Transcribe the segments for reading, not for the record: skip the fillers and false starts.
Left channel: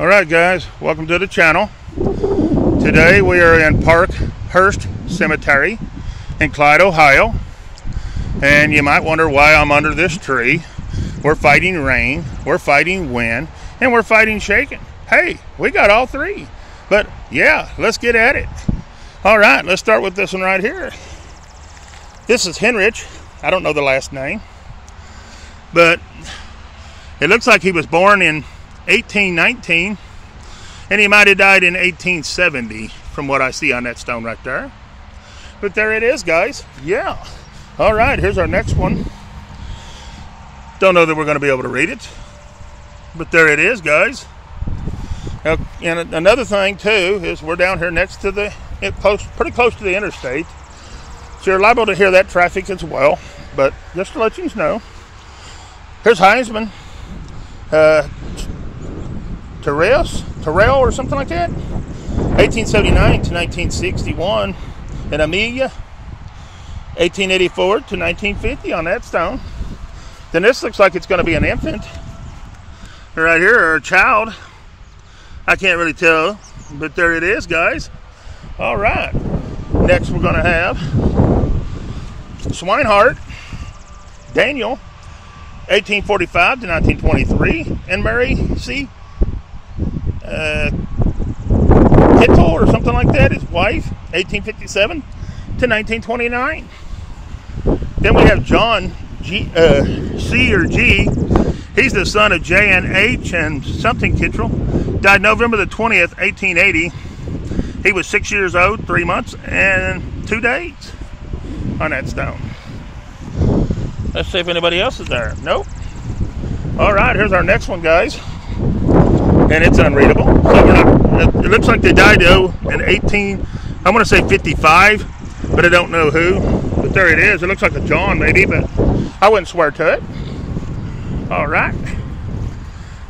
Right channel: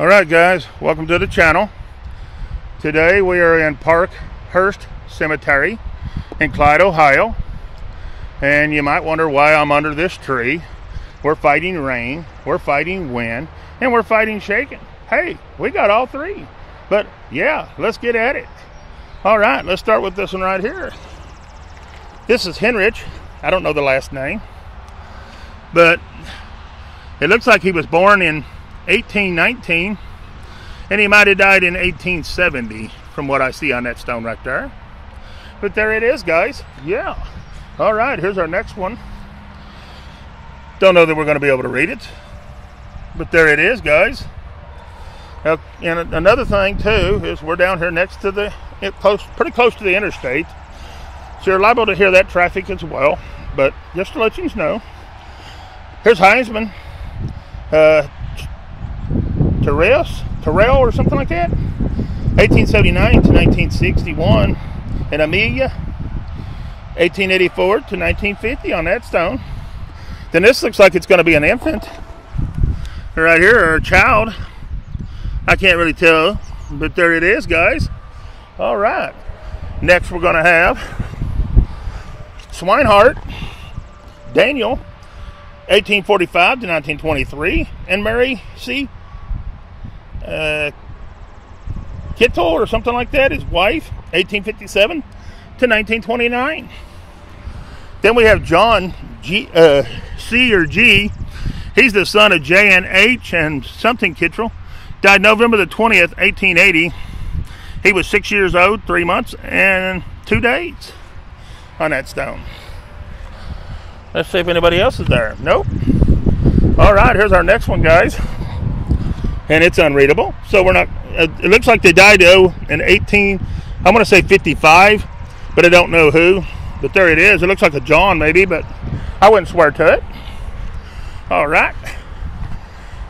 Alright guys, welcome to the channel. Today we are in Parkhurst Cemetery in Clyde, Ohio. And you might wonder why I'm under this tree. We're fighting rain, we're fighting wind, and we're fighting shaking. Hey, we got all three. But yeah, let's get at it. Alright, let's start with this one right here. This is Henrich. I don't know the last name. But it looks like he was born in 1819, and he might have died in 1870 from what I see on that stone right there. But there it is, guys. Yeah. All right, here's our next one. Don't know that we're going to be able to read it, but there it is, guys. And another thing too is we're down here next to the pretty close to the interstate, so you're liable to hear that traffic as well. But just to let you know, here's Heisman. Terrell or something like that, 1879 to 1961, and Amelia, 1884 to 1950 on that stone. Then this looks like it's going to be an infant right here, or a child. I can't really tell, but there it is, guys. All right, next we're going to have Swinehart Daniel, 1845 to 1923, and Mary C. Kittle or something like that, his wife, 1857 to 1929. Then we have John C or G. He's the son of J and H and something Kittrell. Died November the 20th, 1880. He was 6 years old, 3 months, and 2 days on that stone. Let's see if anybody else is there. Nope. All right, here's our next one, guys. And it's unreadable. So we're not, it looks like they died in 18, I want to say 55, but I don't know who. But there it is. It looks like a John maybe, but I wouldn't swear to it. All right.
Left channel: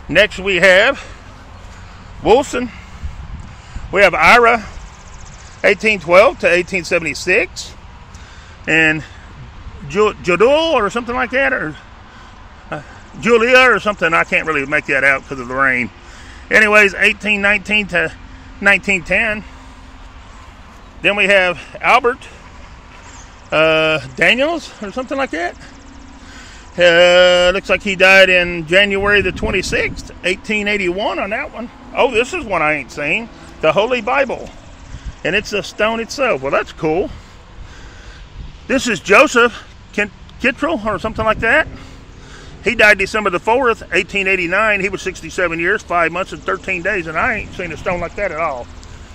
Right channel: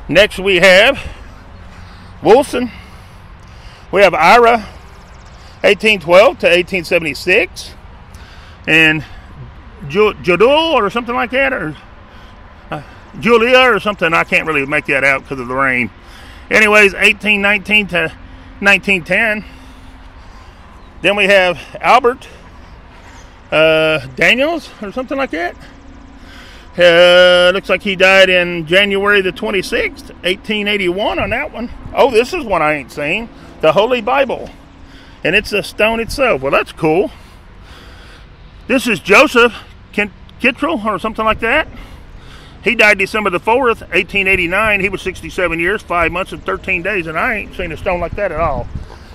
Next we have Wilson. We have Ira, 1812 to 1876. And Jodul or something like that, or Julia or something. I can't really make that out because of the rain. Anyways, 1819 to 1910. Then we have Albert Daniels or something like that. Looks like he died in January the 26th, 1881 on that one. Oh, this is one I ain't seen. The Holy Bible. And it's a stone itself. Well, that's cool. This is Joseph Kittrell or something like that. He died December the 4th, 1889. He was 67 years, 5 months, and 13 days, and I ain't seen a stone like that at all.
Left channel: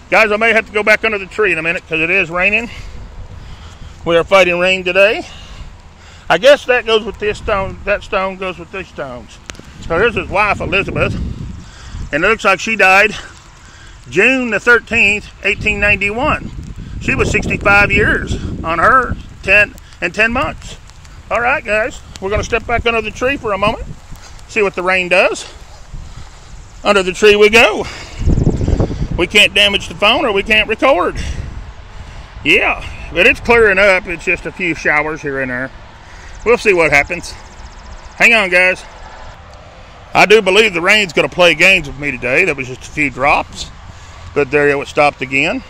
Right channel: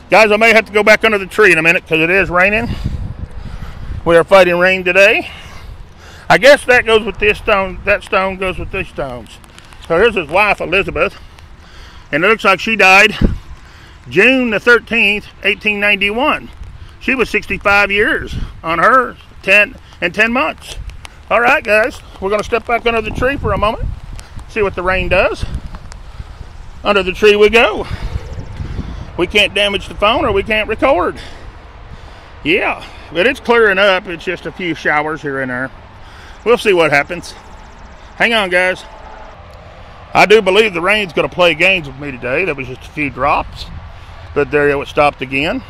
Guys, I may have to go back under the tree in a minute because it is raining. We are fighting rain today. I guess that goes with this stone. That stone goes with these stones. So here's his wife, Elizabeth, and it looks like she died June the 13th, 1891. She was 65 years on her, 10 months. All right, guys, we're going to step back under the tree for a moment, see what the rain does. Under the tree we go. We can't damage the phone or we can't record. Yeah, but it's clearing up. It's just a few showers here and there. We'll see what happens. Hang on, guys. I do believe the rain's going to play games with me today. There was just a few drops, but there it stopped again.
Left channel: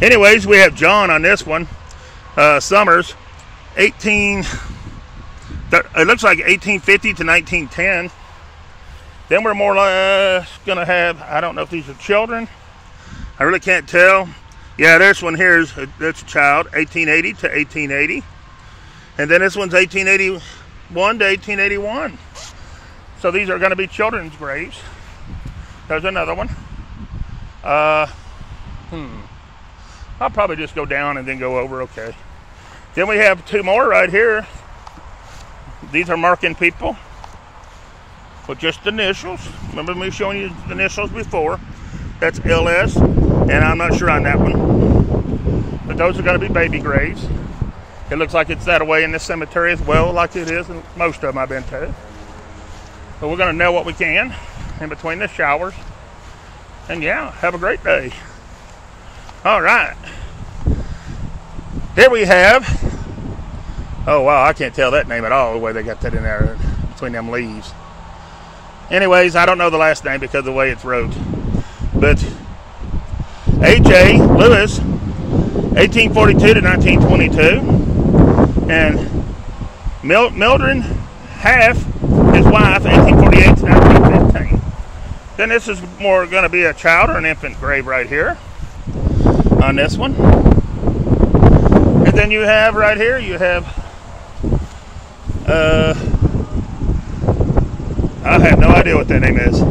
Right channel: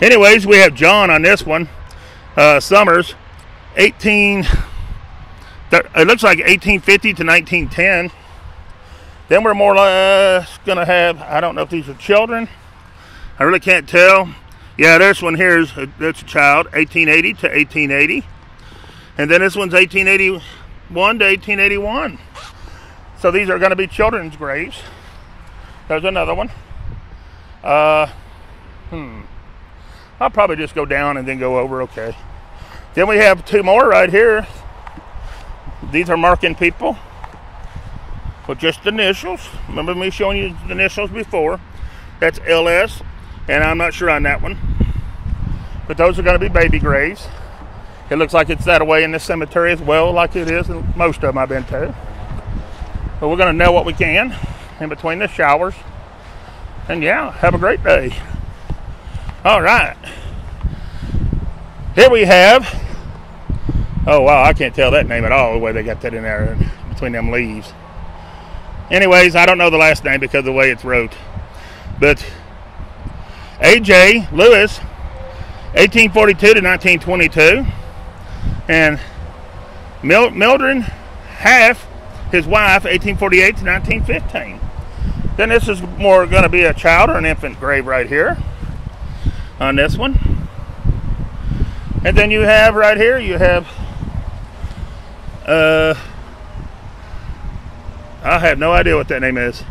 Anyways, we have John on this one. Summers. It looks like 1850 to 1910. Then we're more or less going to have, I don't know if these are children. I really can't tell. Yeah, this one here is that's a child, 1880 to 1880. And then this one's 1881 to 1881. So these are going to be children's graves. There's another one. I'll probably just go down and then go over, okay. Then we have two more right here. These are marking people with just the initials. Remember me showing you the initials before? That's LS, and I'm not sure on that one. But those are going to be baby graves. It looks like it's that way in this cemetery as well, like it is in most of them I've been to. But we're going to know what we can in between the showers. And yeah, have a great day. All right. Here we have, oh wow, I can't tell that name at all, the way they got that in there between them leaves. Anyways, I don't know the last name because of the way it's wrote. But A.J. Lewis, 1842 to 1922. And Mildred Half, his wife, 1848 to 1915. Then this is more going to be a child or an infant grave right here on this one. And then you have right here, you have I have no idea what that name is.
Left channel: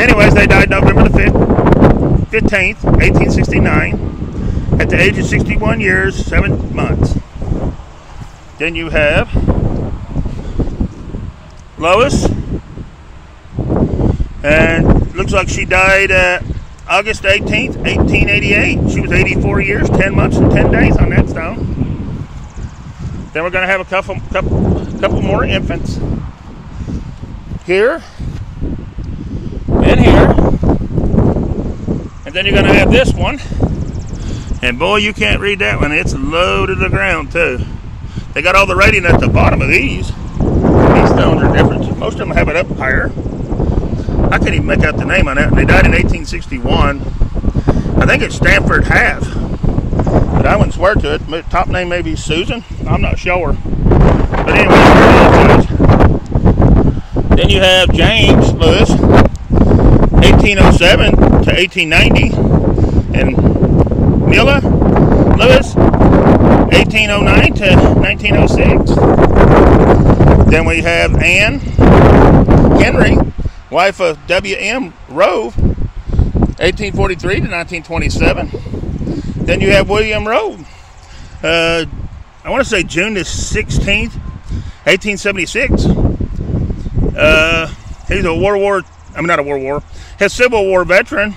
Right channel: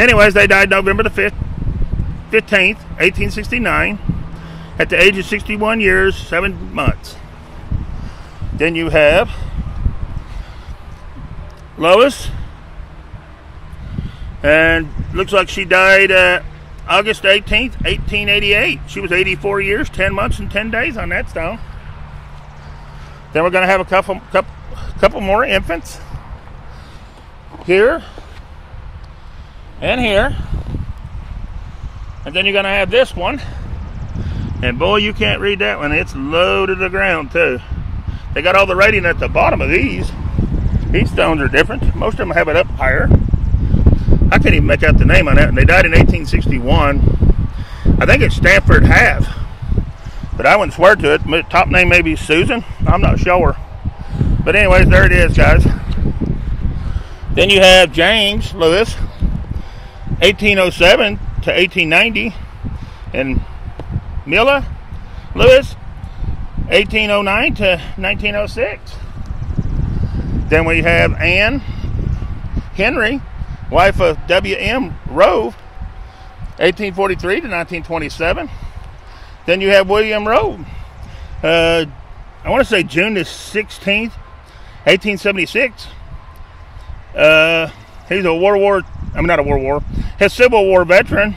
Anyways, they died November the 15th, 1869, at the age of 61 years, 7 months. Then you have Lois, and looks like she died August 18th, 1888. She was 84 years, 10 months, and 10 days on that stone. Then we're going to have a couple more infants. Here and here, and then you're going to have this one, and boy, you can't read that one. It's low to the ground too. They got all the writing at the bottom of these. These stones are different. Most of them have it up higher. I can't even make out the name on that. And they died in 1861. I think it's Stanford Half, but I wouldn't swear to it. The top name may be Susan. I'm not sure. But anyway, there it is, guys. Then you have James Lewis, 1807 to 1890, and Mila Lewis, 1809 to 1906. Then we have Anne Henry, wife of W.M. Rove, 1843 to 1927. Then you have William Rove, I want to say June the 16th, 1876. He's a his Civil War veteran.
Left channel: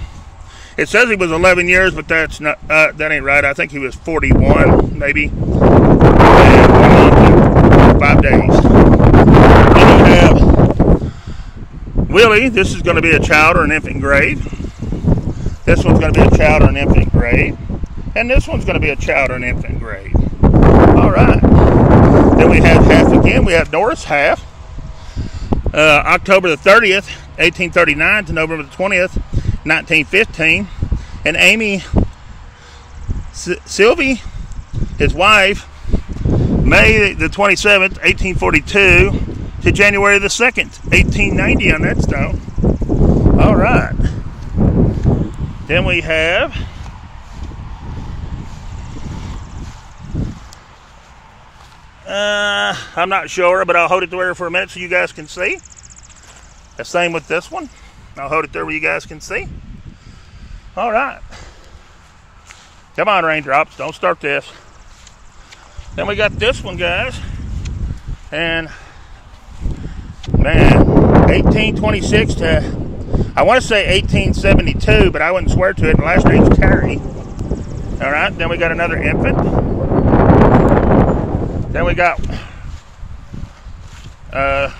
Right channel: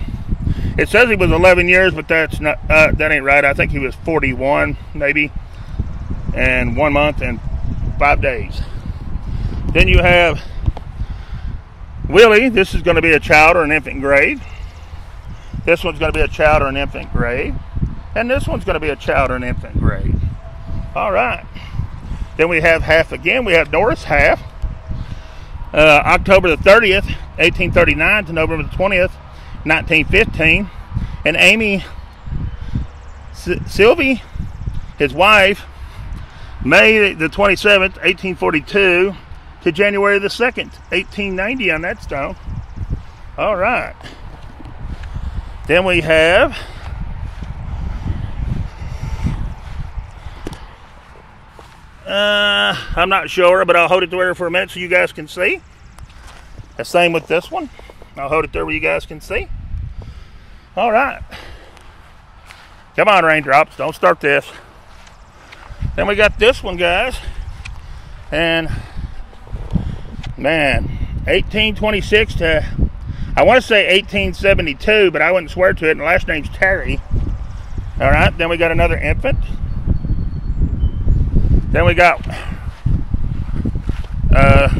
It says he was 11 years, but that's not, that ain't right. I think he was 41, maybe, and 1 month and 5 days. Then you have Willie. This is going to be a child or an infant grave. This one's going to be a child or an infant grave. And this one's going to be a child or an infant grave. All right. Then we have Half again. We have Doris Half. October the 30th, 1839 to November the 20th, 1915. And Amy Sylvie, his wife, May the 27th, 1842 to January the 2nd, 1890 on that stone. All right. Then we have I'm not sure, but I'll hold it there for a minute so you guys can see. The same with this one. I'll hold it there where you guys can see. All right. Come on, raindrops. Don't start this. Then we got this one, guys. And, man, 1826 to, I want to say 1872, but I wouldn't swear to it. And the last name's Terry. All right. Then we got another infant. Then we got a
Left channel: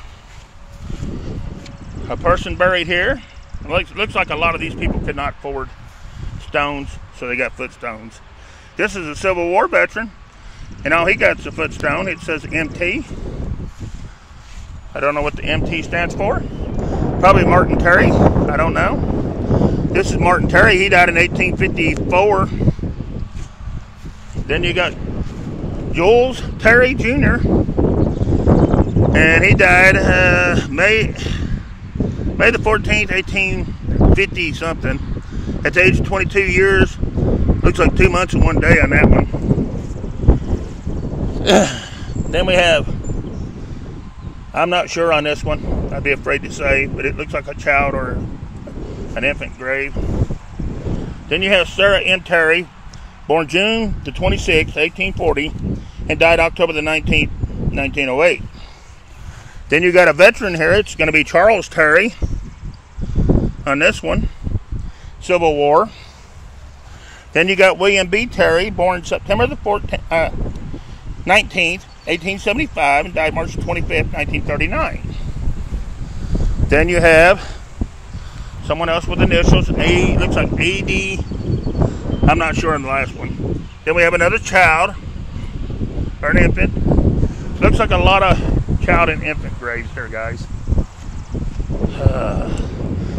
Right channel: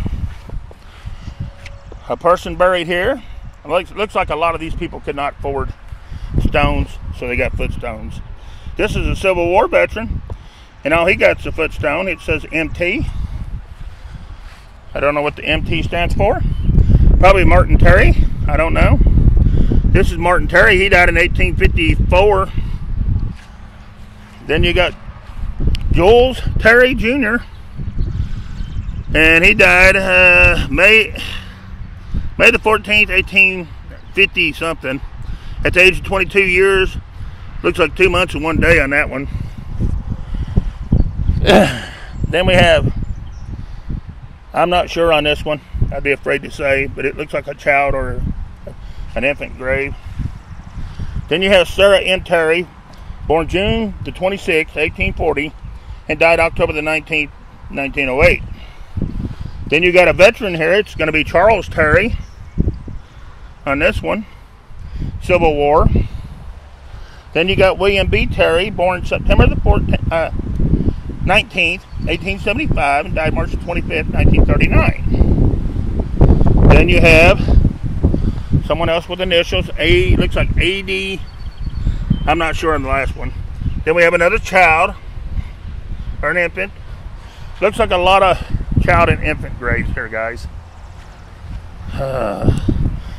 person buried here. It looks like a lot of these people could not afford stones, so they got footstones. This is a Civil War veteran, and all he got is a footstone. It says MT. I don't know what the MT stands for. Probably Martin Terry. I don't know. This is Martin Terry. He died in 1854. Then you got Jules Terry Jr. and he died May the 14th, 1850 something, at the age of 22 years. Looks like 2 months and 1 day on that one. Then we have, I'm not sure on this one. I'd be afraid to say, but it looks like a child or an infant grave. Then you have Sarah M. Terry, born June the 26th, 1840, and died October the 19th, 1908. Then you got a veteran here. It's going to be Charles Terry on this one, Civil War. Then you got William B. Terry, born September the 19th, 1875, and died March 25th, 1939. Then you have someone else with initials, looks like AD. I'm not sure on the last one. Then we have another child, or an infant. Looks like a lot of child and infant graves here, guys.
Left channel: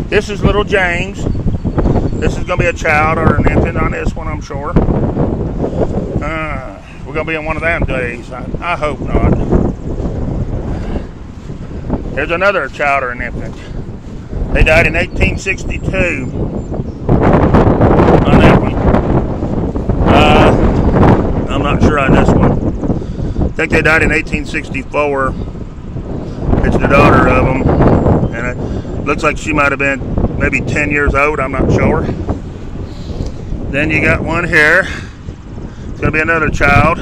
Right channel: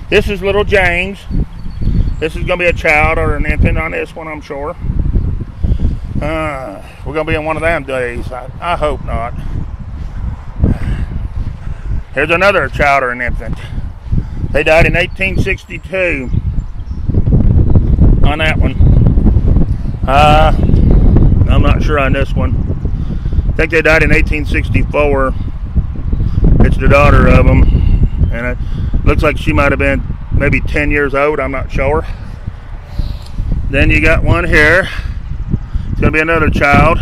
This is little James. This is going to be a child or an infant on this one, I'm sure. We're going to be in one of them days. I hope not. Here's another child or an infant. They died in 1862 on that one. I'm not sure on this one. I think they died in 1864. It's the daughter of them. And it looks like she might have been maybe 10 years old. I'm not sure. Then you got one here. It's going to be another child.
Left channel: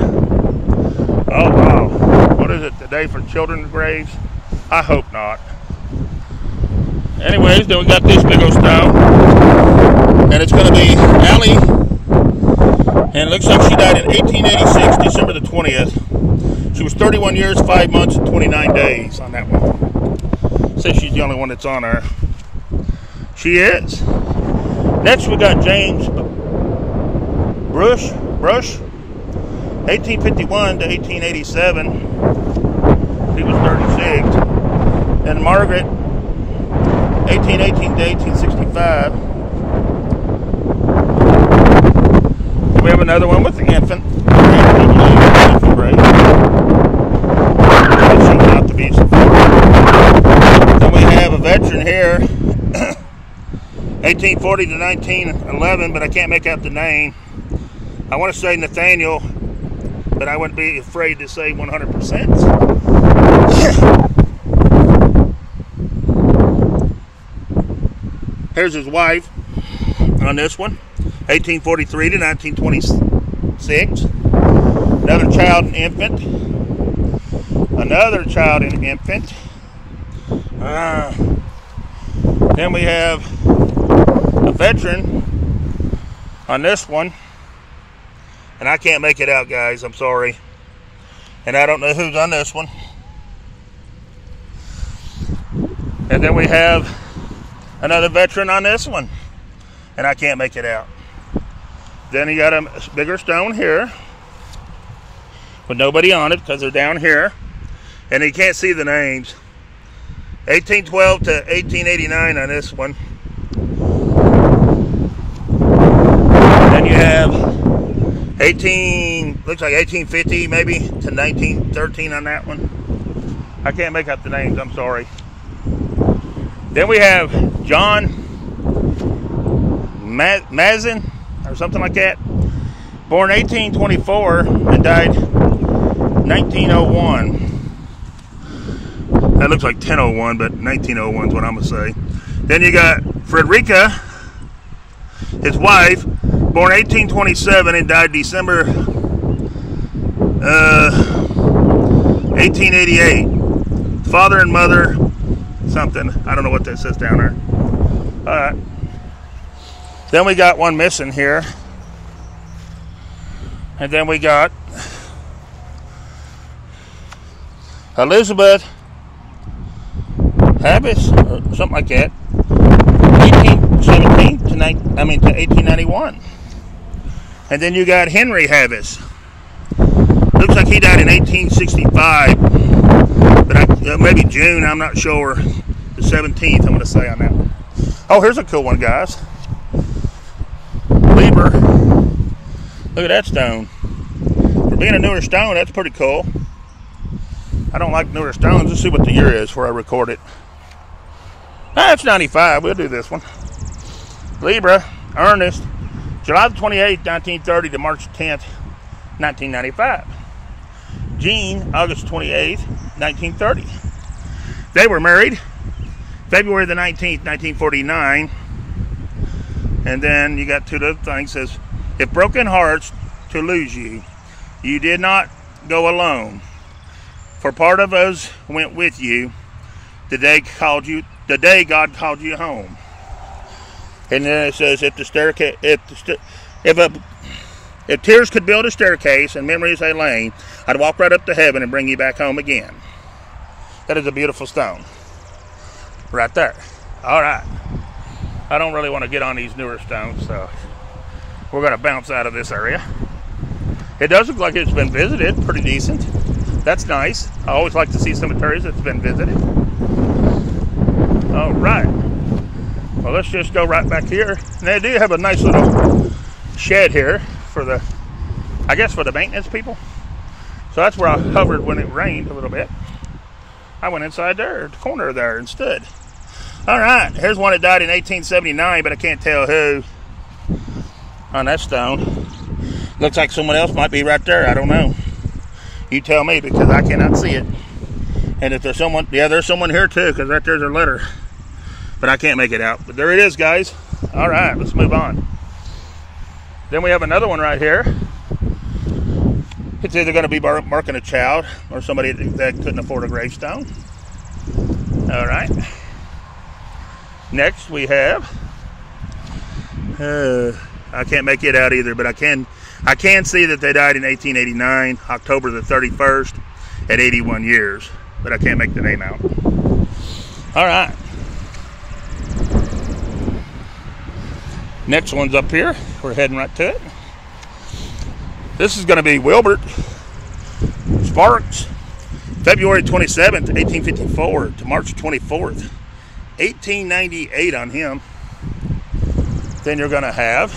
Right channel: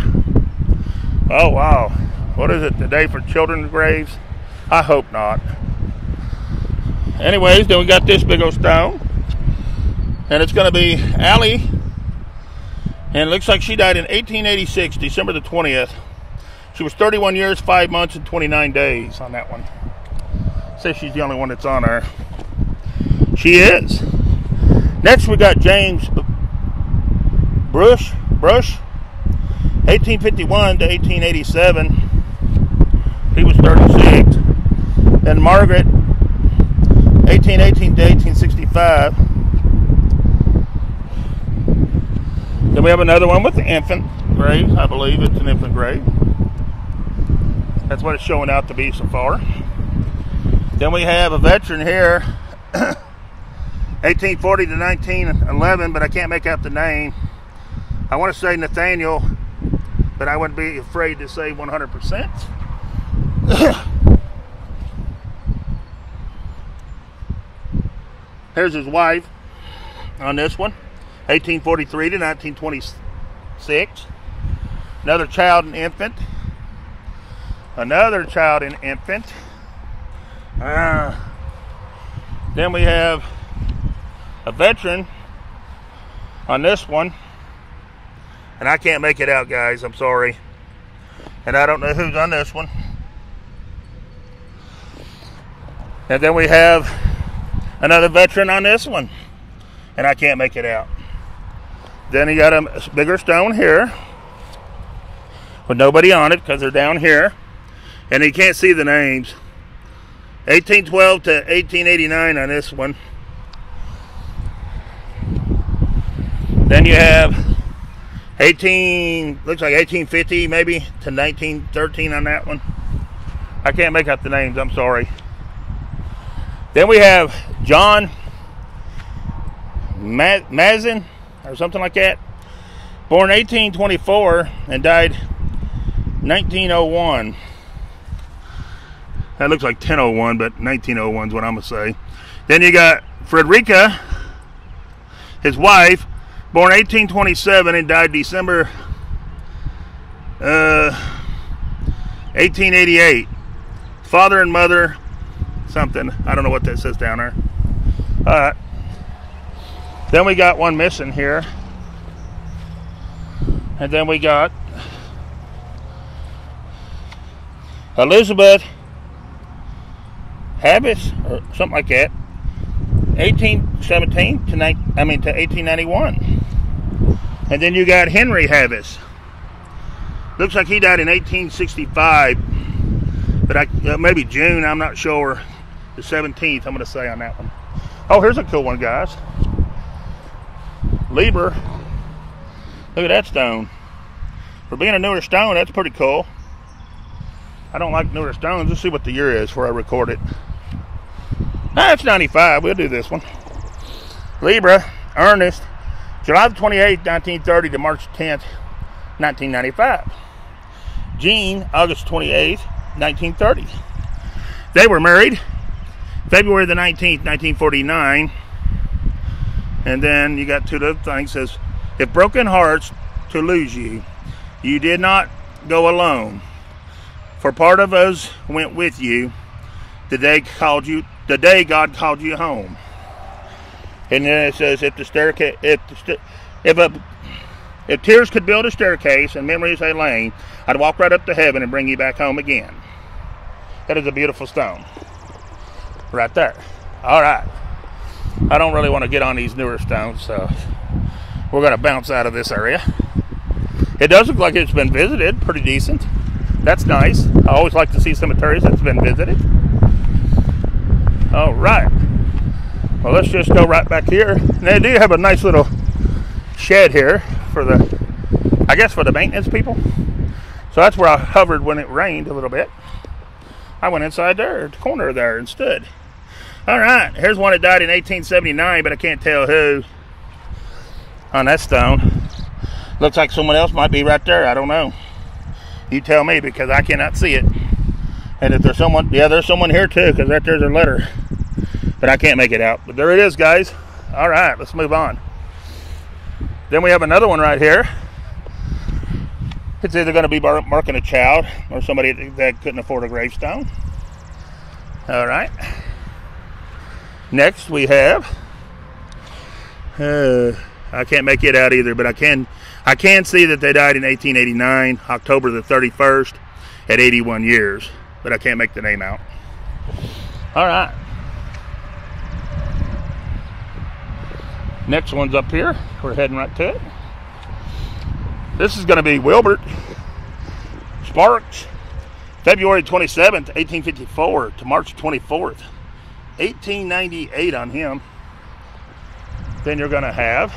Oh, wow. What is it? The day for children's graves? I hope not. Anyways, then we got this big old stone. And it's going to be Allie. And it looks like she died in 1886, December the 20th. She was 31 years, 5 months, and 29 days on that one. Say she's the only one that's on there. She is. Next we got James Brush, 1851 to 1887. He was 36. Then Margaret, 1818 to 1865. Then we have another one with the infant grave, I believe it's an infant grave. That's showing out to be support. Then we have a veteran here, 1840 to 1911, but I can't make out the name. I want to say Nathaniel, but I wouldn't be afraid to say 100%. Here's his wife on this one, 1843 to 1926. Another child and infant. Another child and infant. Then we have a veteran on this one. And I can't make it out, guys. I'm sorry. And I don't know who's on this one. And then we have another veteran on this one. And I can't make it out. Then you got a bigger stone here with nobody on it because they're down here. And you can't see the names. 1812 to 1889 on this one. Then you have looks like 1850 maybe to 1913 on that one. I can't make out the names, I'm sorry. Then we have John Mazin or something like that. Born 1824 and died 1901. That looks like 1001, but 1901 is what I'm going to say. Then you got Frederica, his wife, born 1827 and died December 1888. Father and mother, something. I don't know what that says down there. Alright. Then we got one missing here. And then we got Elizabeth Habis, or something like that, 1817 to 1891. And then you got Henry Habis. Looks like he died in 1865, but maybe June, I'm not sure. The 17th, I'm going to say on that one. Oh, here's a cool one, guys. Lieber. Look at that stone. For being a newer stone, that's pretty cool. I don't like newer stones. Let's see what the year is before I record it. It's 95. We'll do this one. Libra, Ernest, July 28, 1930 to March 10th, 1995. Jean, August 28th, 1930. They were married February the 19th, 1949. And then you got two other things. Says, if broken hearts to lose you, you did not go alone. For part of us went with you the day God called you home. And then it says, if tears could build a staircase and memories a lane, I'd walk right up to heaven and bring you back home again. That is a beautiful stone. Right there. All right. I don't really want to get on these newer stones, so we're going to bounce out of this area. It does look like it's been visited. Pretty decent. That's nice. I always like to see cemeteries that's been visited. All right. Well, let's just go right back here. Now, they do have a nice little shed here for the, I guess, for the maintenance people. So that's where I hovered when it rained a little bit. I went inside there, the corner there, and stood. All right, here's one that died in 1879, but I can't tell who on that stone. Looks like someone else might be right there. I don't know. You tell me, because I cannot see it. And if there's someone, yeah, there's someone here too, because right there's a letter. But I can't make it out. But there it is, guys. All right, let's move on. Then we have another one right here. It's either going to be marking a child or somebody that couldn't afford a gravestone. All right. Next we have, I can't make it out either, but I can see that they died in 1889, October the 31st, at 81 years, but I can't make the name out. All right. Next one's up here. We're heading right to it. This is going to be Wilbert Sparks, February 27th, 1854 to March 24th, 1898 on him. Then you're going to have,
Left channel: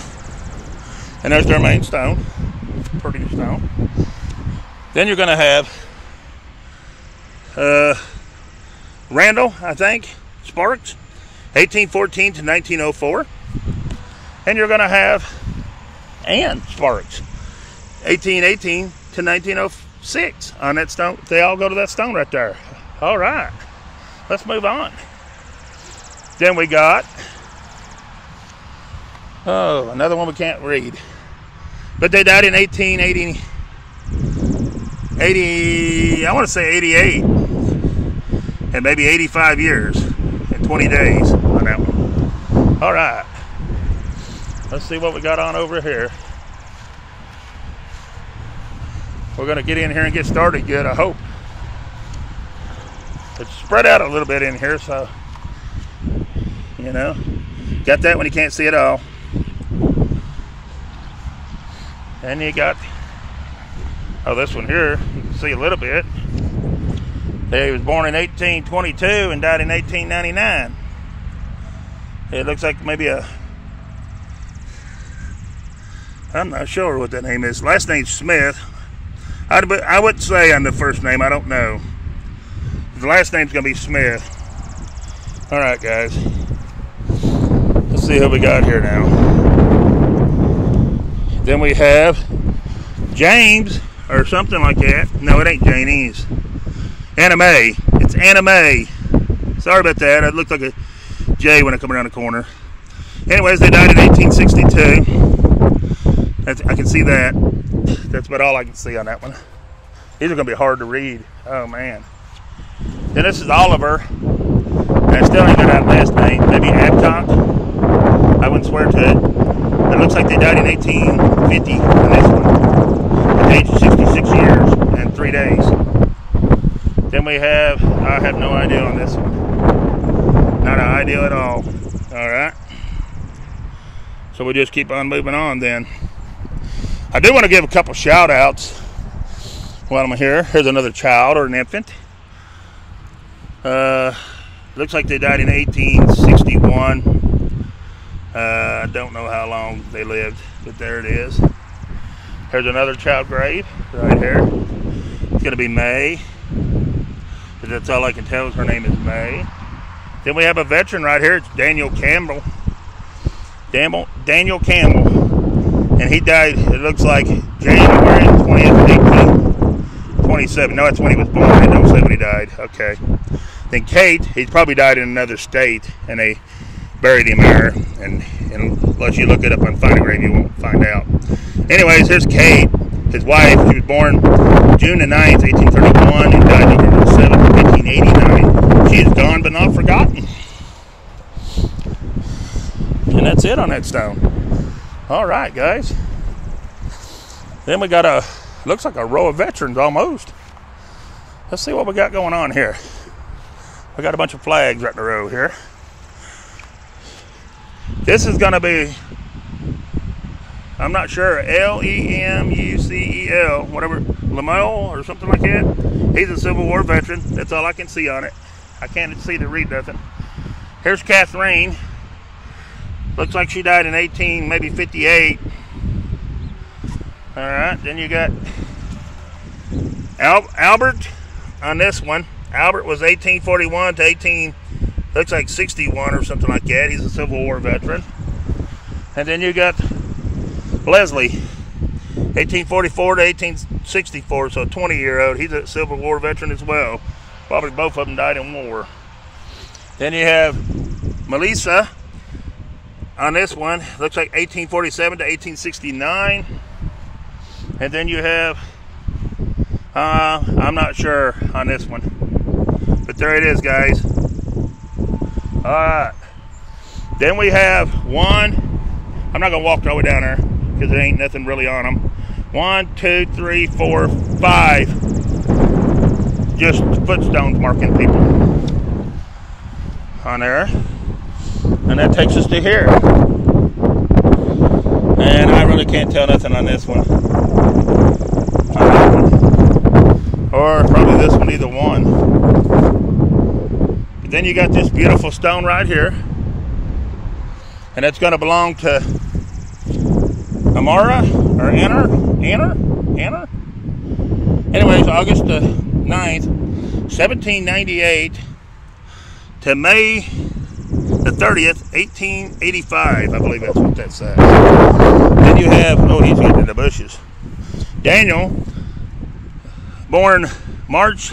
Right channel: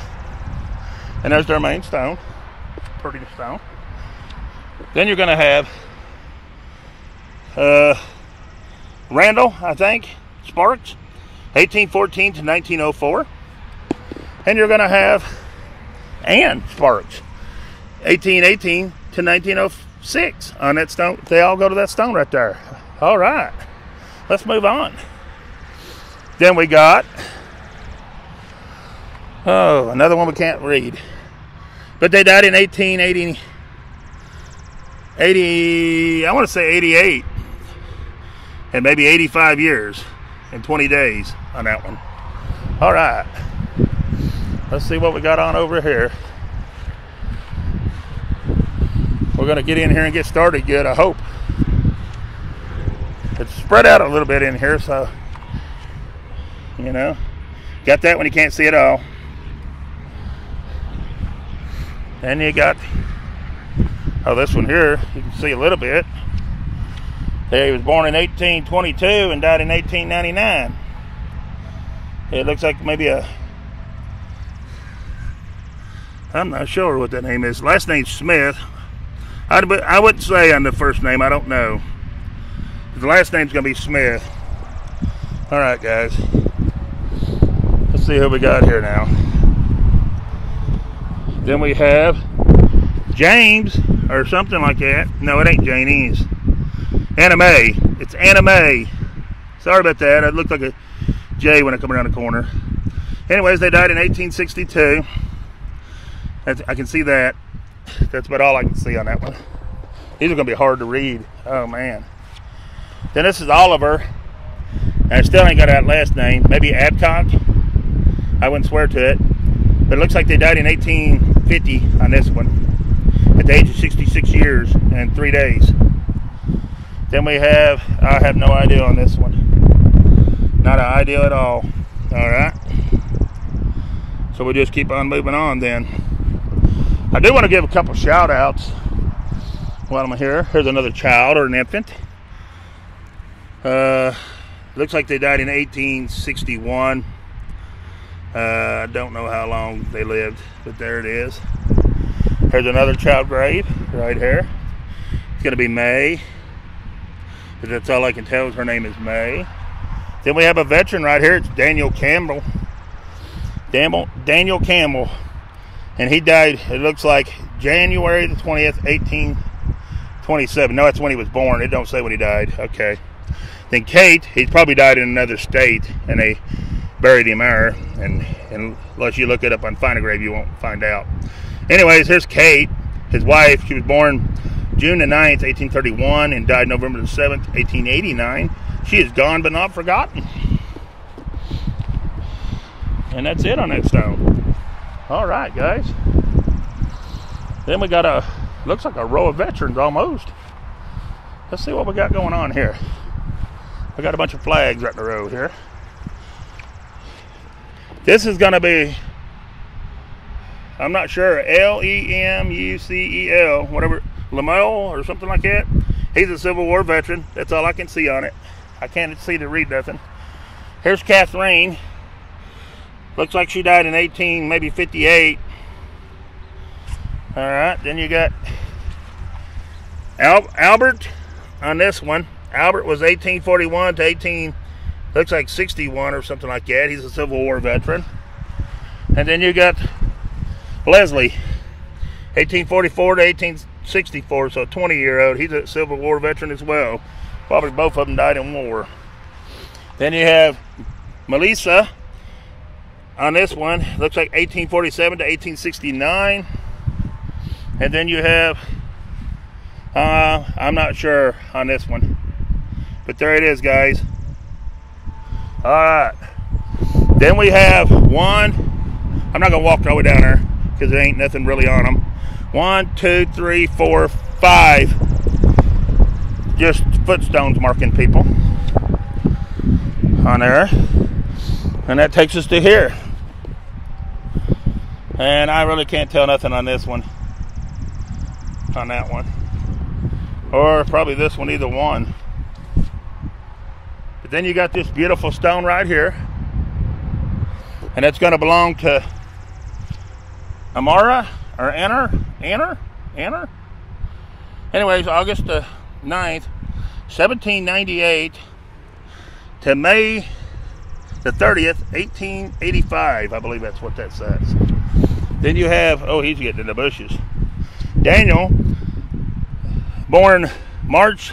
and there's their main stone, pretty stone. Then you're going to have Randall, I think, Sparks, 1814 to 1904. And you're going to have Ann Sparks, 1818 to 1906 on that stone. They all go to that stone right there. All right, let's move on. Then we got, oh, another one we can't read. But they died in 1880, I want to say 88. And maybe 85 years and 20 days on that one. All right. Let's see what we got on over here. We're going to get in here and get started good, I hope. It's spread out a little bit in here, so, you know. Got that when you can't see it all. And you got, oh, this one here, you can see a little bit. He was born in 1822 and died in 1899. It looks like maybe a, I'm not sure what that name is. Last name's Smith. I wouldn't say on the first name. I don't know. The last name's going to be Smith. All right, guys. Let's see who we got here now. Then we have James or something like that. No, it ain't Janie's. Anna Mae. It's Anna Mae. Sorry about that. It looked like a J when I come around the corner. Anyways, they died in 1862. I can see that. That's about all I can see on that one. These are going to be hard to read. Oh, man. Then this is Oliver. I still ain't got that last name. Maybe Adcock. I wouldn't swear to it. But it looks like they died in 1850 on this one. At the age of 66 years and 3 days. Then we have, I have no idea on this one. Not an idea at all. All right. So we'll just keep on moving on then. I do want to give a couple shout outs while I'm here. Here's another child or an infant. Looks like they died in 1861. I don't know how long they lived, but there it is. Here's another child grave right here. It's going to be May. But that's all I can tell is her name is May. Then we have a veteran right here. It's Daniel Campbell. Daniel Campbell. And he died, it looks like, January 20th, 1827. No, that's when he was born. It don't say when he died. Okay. Then Kate, he's probably died in another state, and they buried him there. And unless you look it up on Find a Grave, you won't find out. Anyways, here's Kate, his wife. She was born June the 9th, 1831, and died November the 7th, 1889. She is gone but not forgotten. And that's it on that stone. All right, guys. Then we got a, looks like a row of veterans almost. Let's see what we got going on here. We got a bunch of flags right in a row here. This is going to be, I'm not sure, Lemucel, whatever, Lamel or something like that. He's a Civil War veteran. That's all I can see on it. I can't see to read nothing. Here's Catherine. Looks like she died in 18, maybe 58. All right, then you got Albert on this one. Albert was 1841 to looks like 61 or something like that. He's a Civil War veteran. And then you got Leslie, 1844 to 1864, so a 20-year-old. He's a Civil War veteran as well. Probably both of them died in war. Then you have Melissa on this one. Looks like 1847 to 1869. And then you have, I'm not sure on this one. But there it is, guys. All right. Then we have one. I'm not going to walk all the way down there because there ain't nothing really on them. 1, 2, 3, 4, 5. Just footstones marking people on there. And that takes us to here. And I really can't tell nothing on this one. On that one. Or probably this one, either one. But then you got this beautiful stone right here. And that's going to belong to Amara or Anna. Anyways, August the 9th, 1798 to May the 30th, 1885. I believe that's what that says. Then you have, oh, he's getting in the bushes. Daniel, born March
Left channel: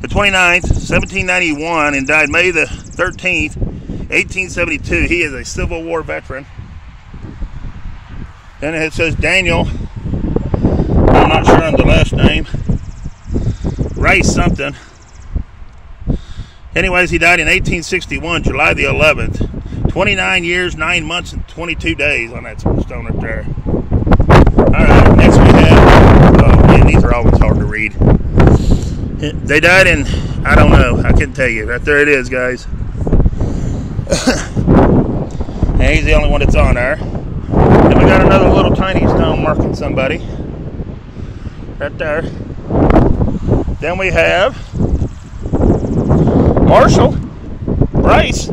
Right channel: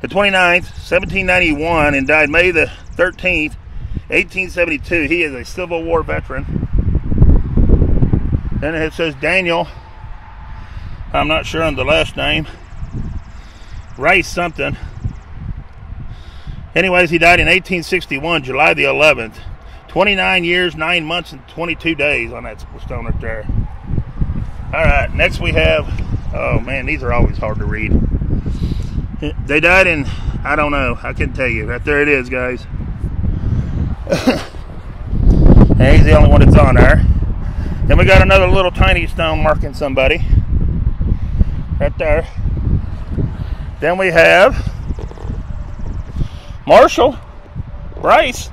the 29th, 1791, and died May the 13th, 1872. He is a Civil War veteran. Then it says Daniel, I'm not sure on the last name, Rice something. Anyways, he died in 1861, July the 11th. 29 years, 9 months, and 22 days on that stone right there. Alright, next we have, oh man, these are always hard to read. They died in, I don't know, I couldn't tell you. Right there it is, guys. And he's the only one that's on there. Then we got another little tiny stone marking somebody. Right there. Then we have Marshall Rice.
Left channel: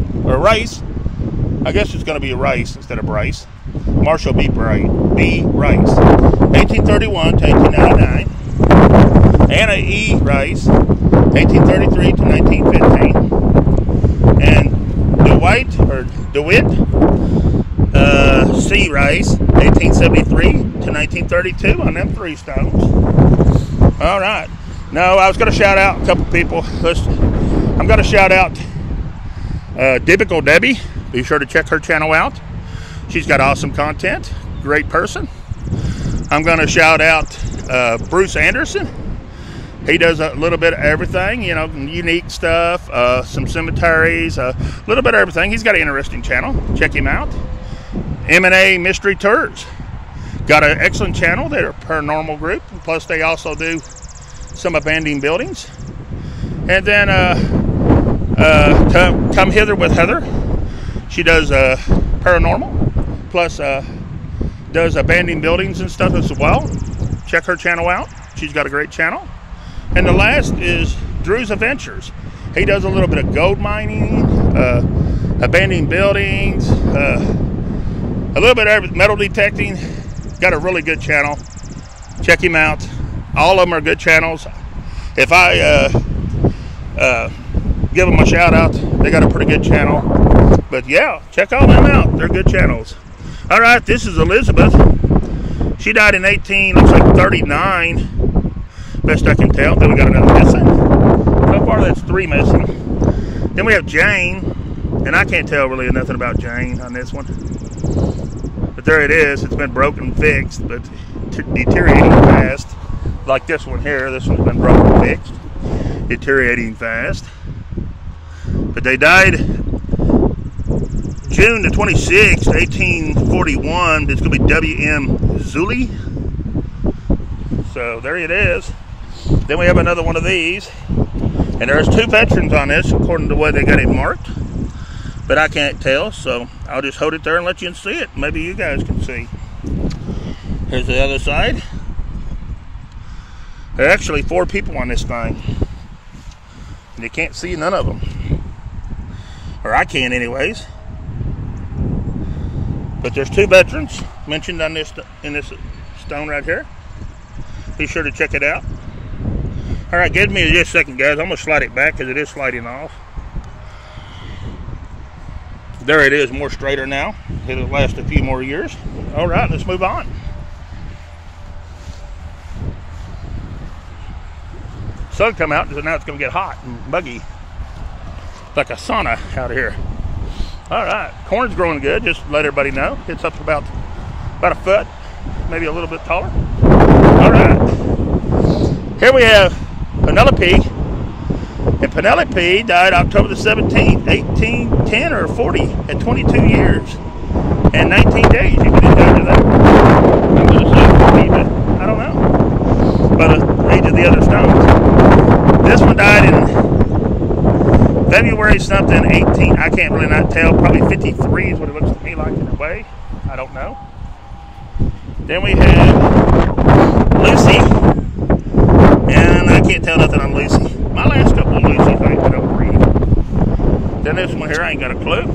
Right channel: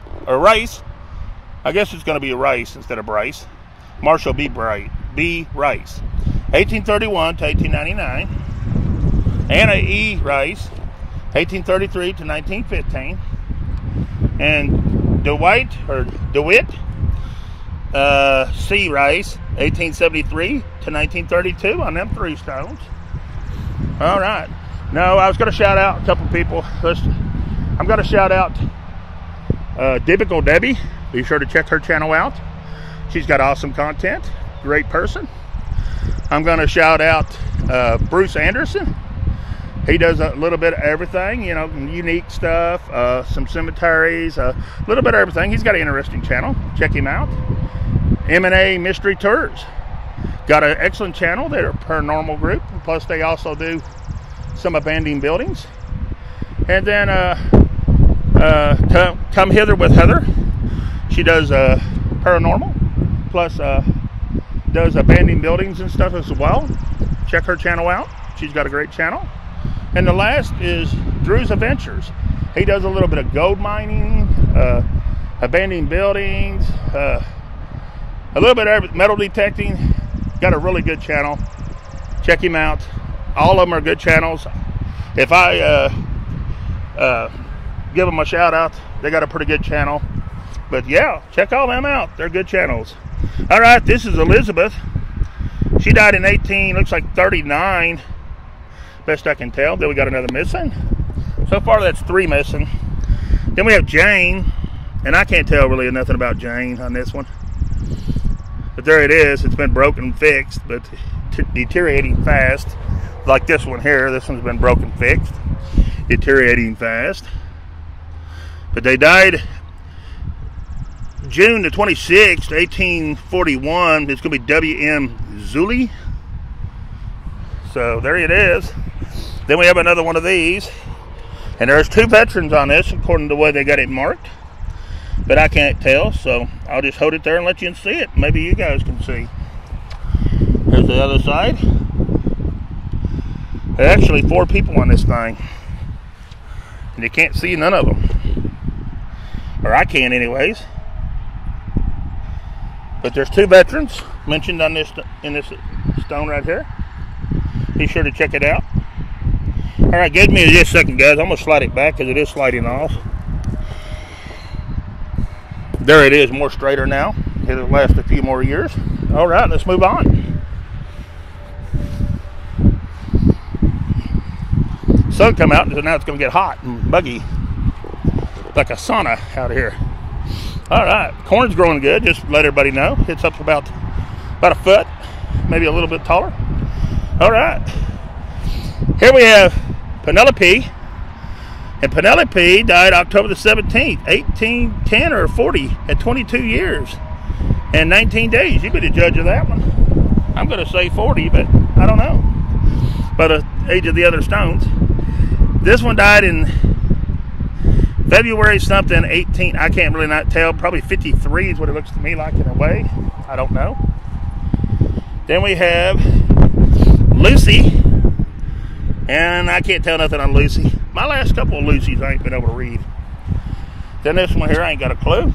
I guess it's going to be a Rice instead of Bryce. Marshall B. Rice. 1831 to 1899. Anna E. Rice. 1833 to 1915. And DeWitt C. Rice, 1873 to 1932 on them 3 stones. All right. No, I was going to shout out a couple people. I'm going to shout out Biblical Debbie. Be sure to check her channel out. She's got awesome content. Great person. I'm going to shout out Bruce Anderson. He does a little bit of everything, you know, unique stuff, some cemeteries, a little bit of everything. He's got an interesting channel. Check him out. M&A Mystery Tours. Got an excellent channel. They're a paranormal group. Plus, they also do some abandoned buildings. And then Come Hither with Heather. She does paranormal. Plus, does abandoned buildings and stuff as well. Check her channel out. She's got a great channel. And the last is Drew's Adventures. He does a little bit of gold mining, abandoned buildings, a little bit of metal detecting. Got a really good channel. Check him out. All of them are good channels. If I give them a shout out, they got a pretty good channel. But yeah, check all them out. They're good channels. All right, this is Elizabeth. She died in looks like 39. Best I can tell. Then we got another missing. So far, that's 3 missing. Then we have Jane, and I can't tell really nothing about Jane on this one. But there it is. It's been broken and fixed, but deteriorating fast. Like this one here. This one's been broken and fixed. Deteriorating fast. But they died June the 26th, 1841. It's going to be W.M. Zuley. So there it is. Then we have another one of these. And there's 2 veterans on this, according to the way they got it marked. But I can't tell, so I'll just hold it there and let you see it. Maybe you guys can see. Here's the other side. There are actually 4 people on this thing. And you can't see none of them. Or I can anyways. But there's 2 veterans mentioned on this in this stone right here. Be sure to check it out. Alright, give me just a second, guys. I'm going to slide it back because it is sliding off. There it is, more straighter now. It'll last a few more years. Alright, let's move on. Sun come out, and now it's going to get hot and buggy. Like a sauna out here. Alright, corn's growing good, just to let everybody know. It's up to about a foot, maybe a little bit taller. Alright. Here we have Penelope. And Penelope died October the 17th, 1810 or 40, at 22 years and 19 days. You can judge of that. I'm going to say 40, but I don't know. By the age of the other stones. This one died in February something, 18, I can't really not tell. Probably 53 is what it looks to me like in a way. I don't know. Then we have Lucy. And I can't tell nothing on Lucy. My last couple of Lucy's I ain't been able to read. Then this one here, I ain't got a clue.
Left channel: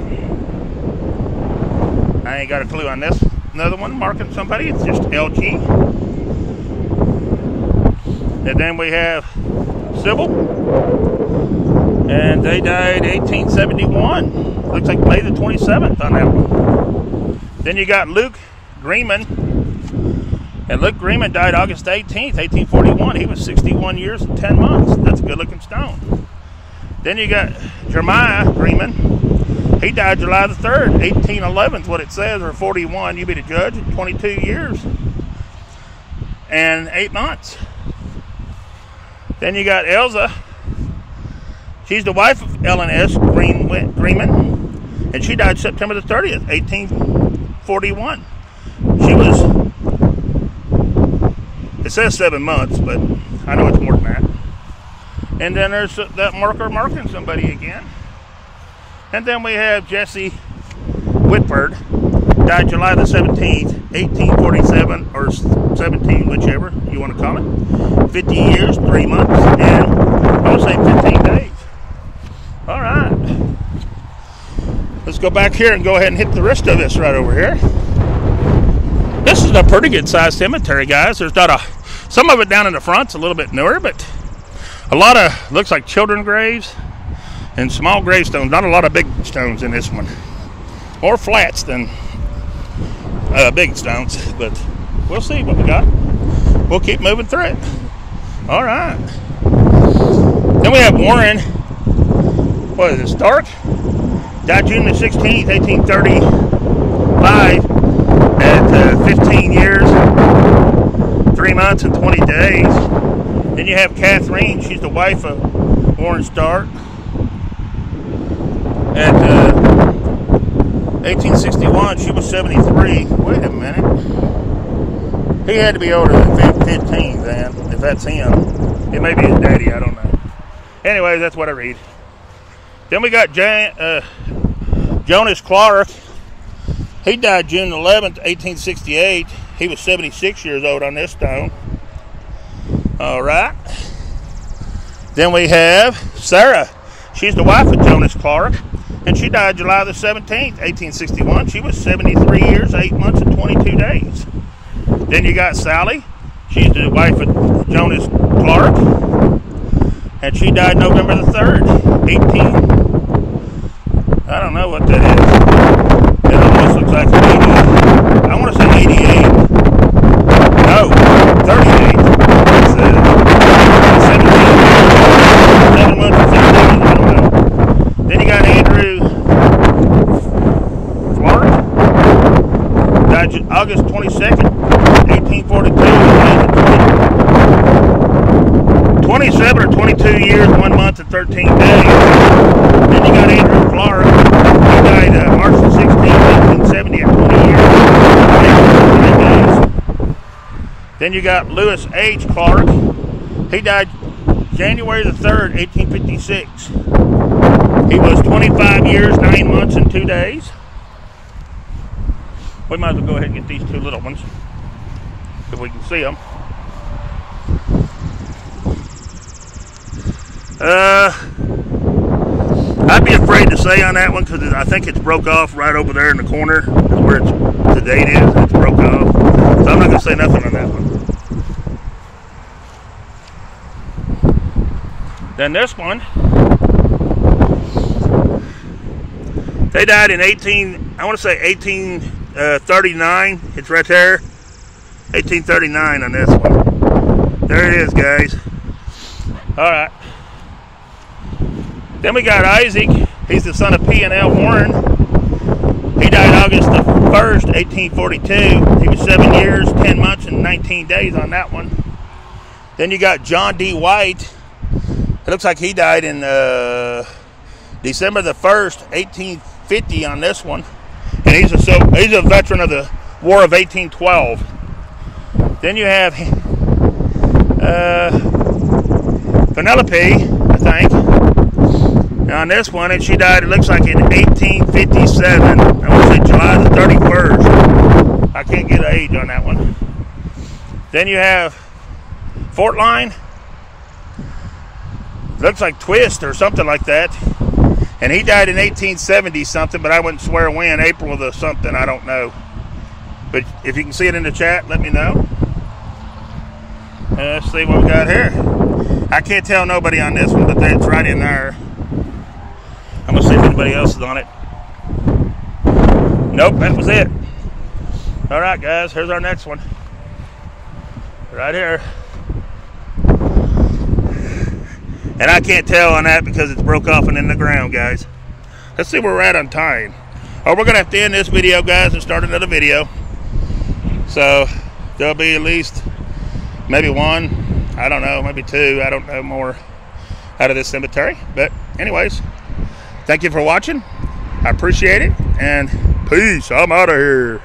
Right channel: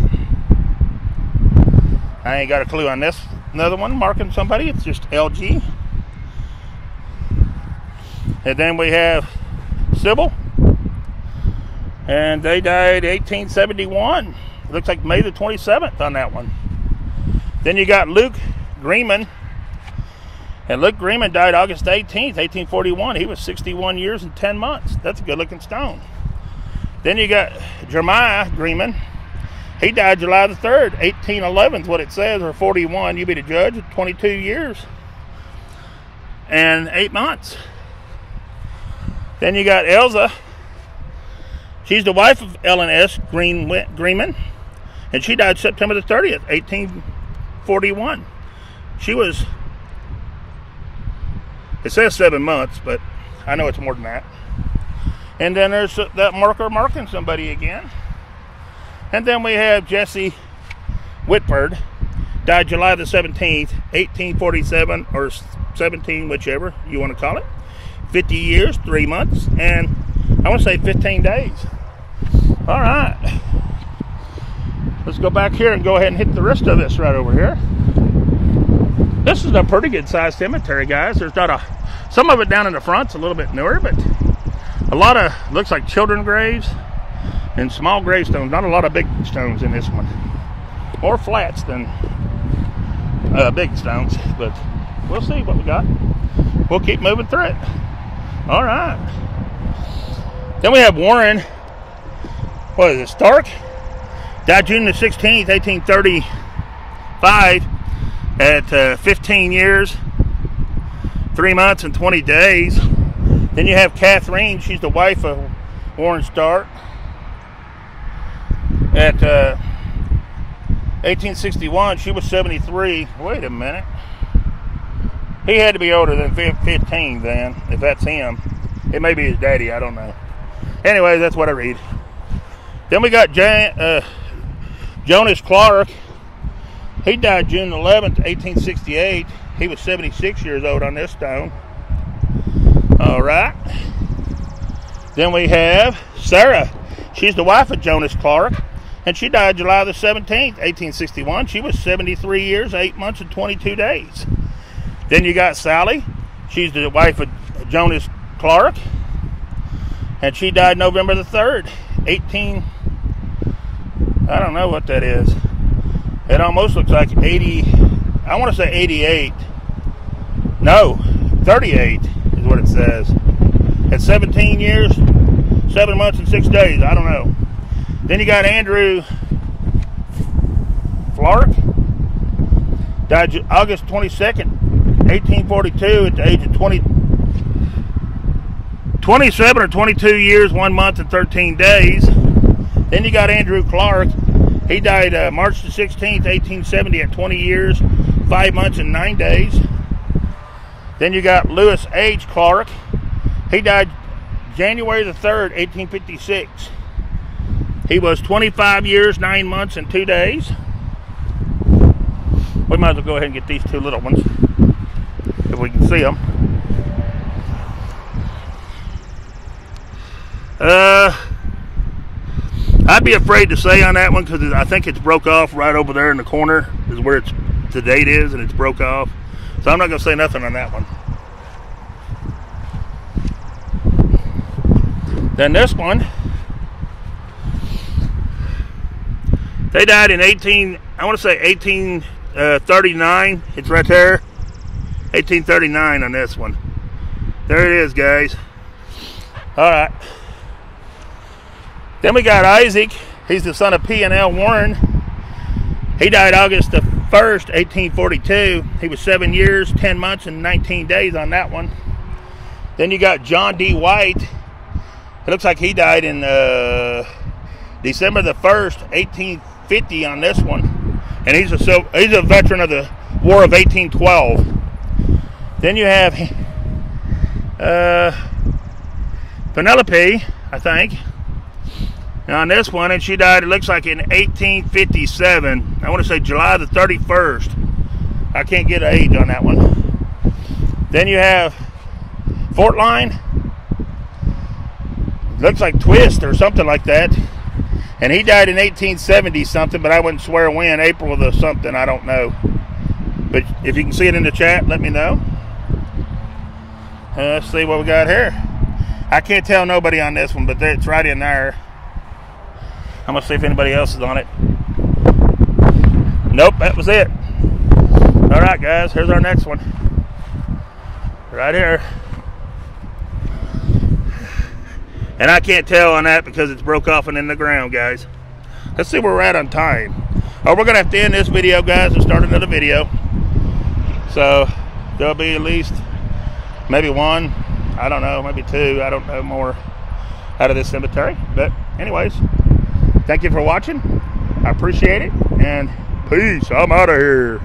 I ain't got a clue on this. Another one marking somebody, it's just LG. And then we have Sybil. And they died 1871. Looks like May the 27th on that one. Then you got Luke Greenman. And Luke Greenman died August 18th, 1841. He was 61 years and 10 months. That's a good-looking stone. Then you got Jeremiah Greenman. He died July the 3rd, 1811, is what it says, or 41. You be the judge. 22 years and 8 months. Then you got Elza. She's the wife of Ellen S. Greenman. And she died September the 30th, 1841. She was... It says 7 months, but I know it's more than that. And then there's that marker marking somebody again. And then we have Jesse Whitford, died July the 17th, 1847, or 17, whichever you want to call it. 50 years, 3 months, and I would say 15 days. All right. Let's go back here and go ahead and hit the rest of this right over here. This is a pretty good sized cemetery, guys. There's not some of it down in the front's a little bit newer, but a lot of, looks like children graves and small gravestones. Not a lot of big stones in this one. More flats than big stones, but we'll see what we got. We'll keep moving through it. All right. Then we have Warren, what is it, Stark? Died June the 16th, 1835. At 15 years, 3 months, and 20 days. Then you have Catherine. She's the wife of Warren Stark. At 1861, she was 73. Wait a minute. He had to be older than 15 then, if that's him. It may be his daddy, I don't know. Anyway, that's what I read. Then we got Jonas Clark. He died June 11th, 1868. He was 76 years old on this stone. All right. Then we have Sarah. She's the wife of Jonas Clark. And she died July the 17th, 1861. She was 73 years, 8 months, and 22 days. Then you got Sally. She's the wife of Jonas Clark. And she died November the 3rd, I don't know what that is. It almost looks like 80, I want to say 88. No, 38. It's 17 years, 7 months and 6 days. I don't know. Then you got Andrew Flork. Died August 22nd, 1842. Age of 27 or 22 years, 1 month and 13 days. Then you got Andrew Clark. He died March the 16th, 1870 at 20 years, 5 months and 9 days. Then you got Lewis H. Clark. He died January the 3rd, 1856. He was 25 years, 9 months, and 2 days. We might as well go ahead and get these 2 little ones, if we can see them. I'd be afraid to say on that one because I think it's broke off right over there in the corner where the date is. It's broke off. So I'm not going to say nothing on that one. Then this one, they died in 1839. It's right there. 1839 on this one. There it is, guys. All right. Then we got Isaac. He's the son of P&L Warren. He died August the 1st, 1842. He was 7 years, 10 months, and 19 days on that one. Then you got John D. White. It looks like he died in December the 1st, 1850 on this one. And he's a veteran of the War of 1812. Then you have Penelope, I think. Now on this one, and she died, it looks like in 1857. I want to say July the 31st. I can't get an age on that one. Then you have Fort Line. Looks like Twist or something like that. And he died in 1870 something, but I wouldn't swear when. April of the something, I don't know. But if you can see it in the chat, let me know. Let's see what we got here. I can't tell nobody on this one, but it's right in there. I'm going to see if anybody else is on it. Nope, that was it. All right, guys, here's our next one. Right here. And I can't tell on that because it's broke off and in the ground, guys. Let's see where we're at on time. Oh, we're going to have to end this video, guys, and start another video. So there'll be at least maybe one, I don't know, maybe two, I don't know, more out of this cemetery. But anyways, thank you for watching. I appreciate it. And peace. I'm out of here.